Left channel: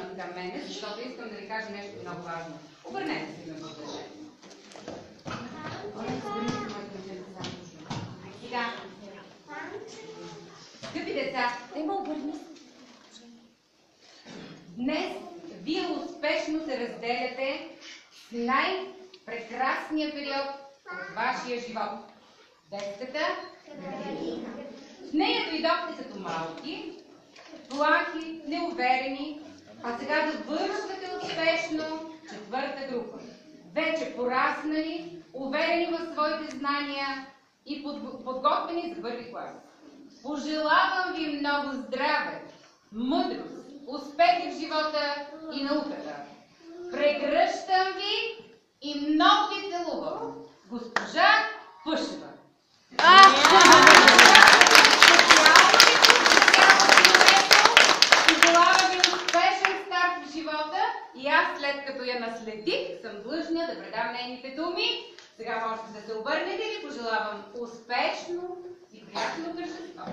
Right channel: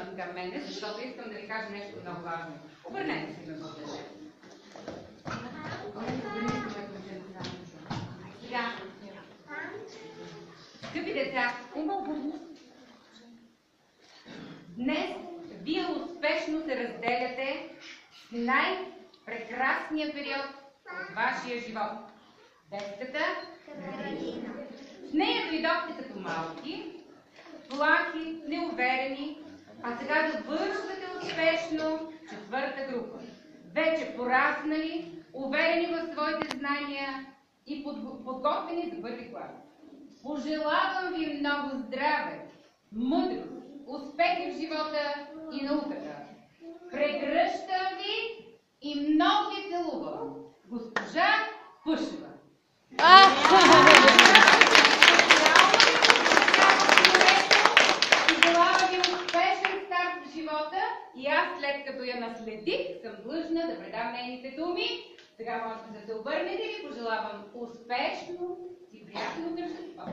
обърнат към мене, защото искам да ви кажа нещо много важно. Обърнете се ме благодаря. Сега, скъпи деца, днес вие успешно се разделяте с най-прекрасния период от вашия живот. Детската градина. В нея дойдохте като малки, плахи, неуверени, а сега завършвате успешно четвърта група. Вече пораснали, уверени в своите знания и подготвени за първи клас. Пожелавам ви много здраве, мъдрост, успехи в живота и науката. Прегръщам ви и много ви целувам. Госпожа Пъшева. Пожелавам ви успешен старт в живота и аз, след като я наследих, съм длъжна да предам нейните думи. Сега можете да се обърнете и пожелавам успешно и приятно тържество.